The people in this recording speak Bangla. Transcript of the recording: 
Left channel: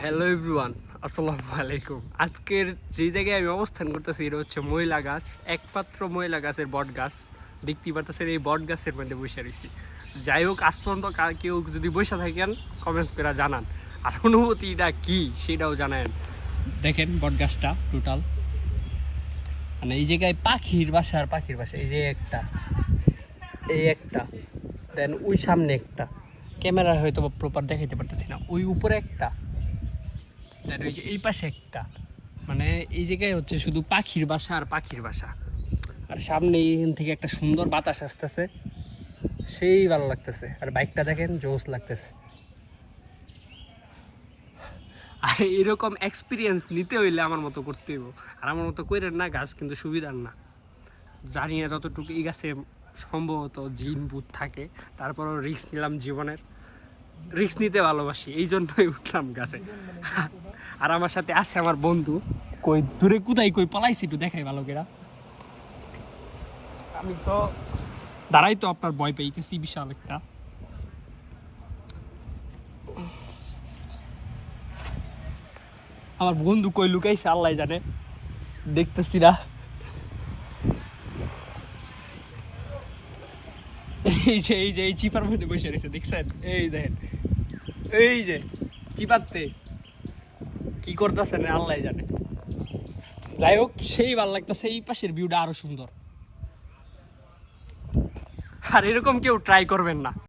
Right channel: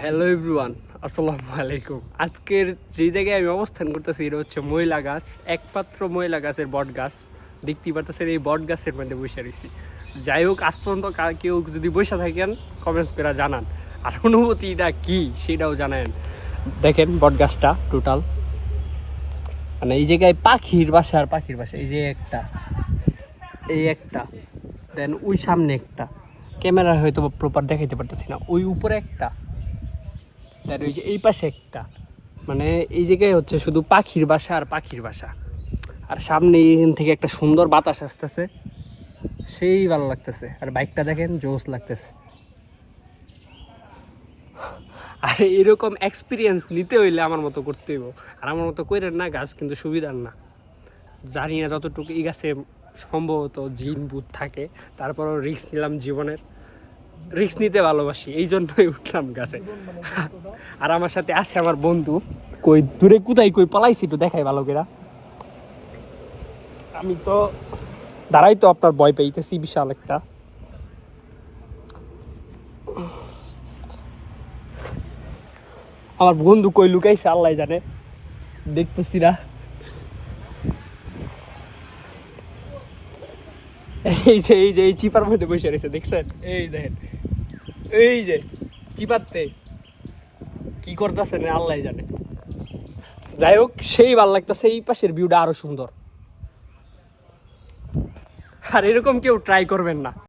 হ্যালো এভরিওয়ান, আসসালামু আলাইকুম। আজকের যে জায়গায় আমি অবস্থান করতেছি এটা হচ্ছে ময়লা গাছ, একমাত্র ময়লা গাছের বট গাছ। দেখতেই পারতেছেন এই বট গাছের মধ্যে বসে রয়েছি। যাই হোক, আজ পর্যন্ত কেউ যদি বসে থাকেন কমেন্টস করে জানান, আর অনুভূতিটা কি সেটাও জানান। দেখেন বট গাছটা টোটাল, মানে এই জায়গায় পাখির বাসা আর পাখির বাসা। এই যে একটা, এই একটা, দেন ওই সামনে একটা, ক্যামেরা হয়তো প্রপার দেখাইতে পারতেছি না, ওই উপরে একটা, তার ওই যে এই পাশে একটা। মানে এই জায়গায় হচ্ছে শুধু পাখির বাসা আর পাখির বাসা। আর সামনে এখান থেকে একটা সুন্দর বাতাস আসতেছে, সেই ভালো লাগতেছে। আর বাইকটা দেখেন, জোস লাগতেছে। আর এরকম এক্সপিরিয়েন্স নিতে হইলে আমার মতো করতে হইব। আর আমার মতো কইরেন না, গাছ কিন্তু সুবিধার না। জানি না যতটুকু এই গাছে সম্ভবত জিন ভূত থাকে, তারপরও রিস্ক নিলাম জীবনের। রিস্ক নিতে ভালোবাসি, এই জন্যই উঠলাম গাছে। আর আমার সাথে আছে আমার বন্ধু। কই দূরে কোথায় কই পালাইছি একটু দেখাই ভালো করে। আমি তো দাঁড়াই, তো আপনার ভয় পাইতেছি বিশাল একটা। আমার বন্ধু কই লুকাইছে আল্লাহ জানে, দেখতেছি না। এই চিপার মধ্যে বসে রয়েছে, দেখছেন? এই দেখেন, এই যে চিপাচ্ছে, কি করতেছে না আল্লাহ জানে। যাই হোক, সেই ভালো লাগতেছে। এই পাশের ভিউটা আরো সুন্দর। আর এরকম কেউ ট্রাই করবেন না।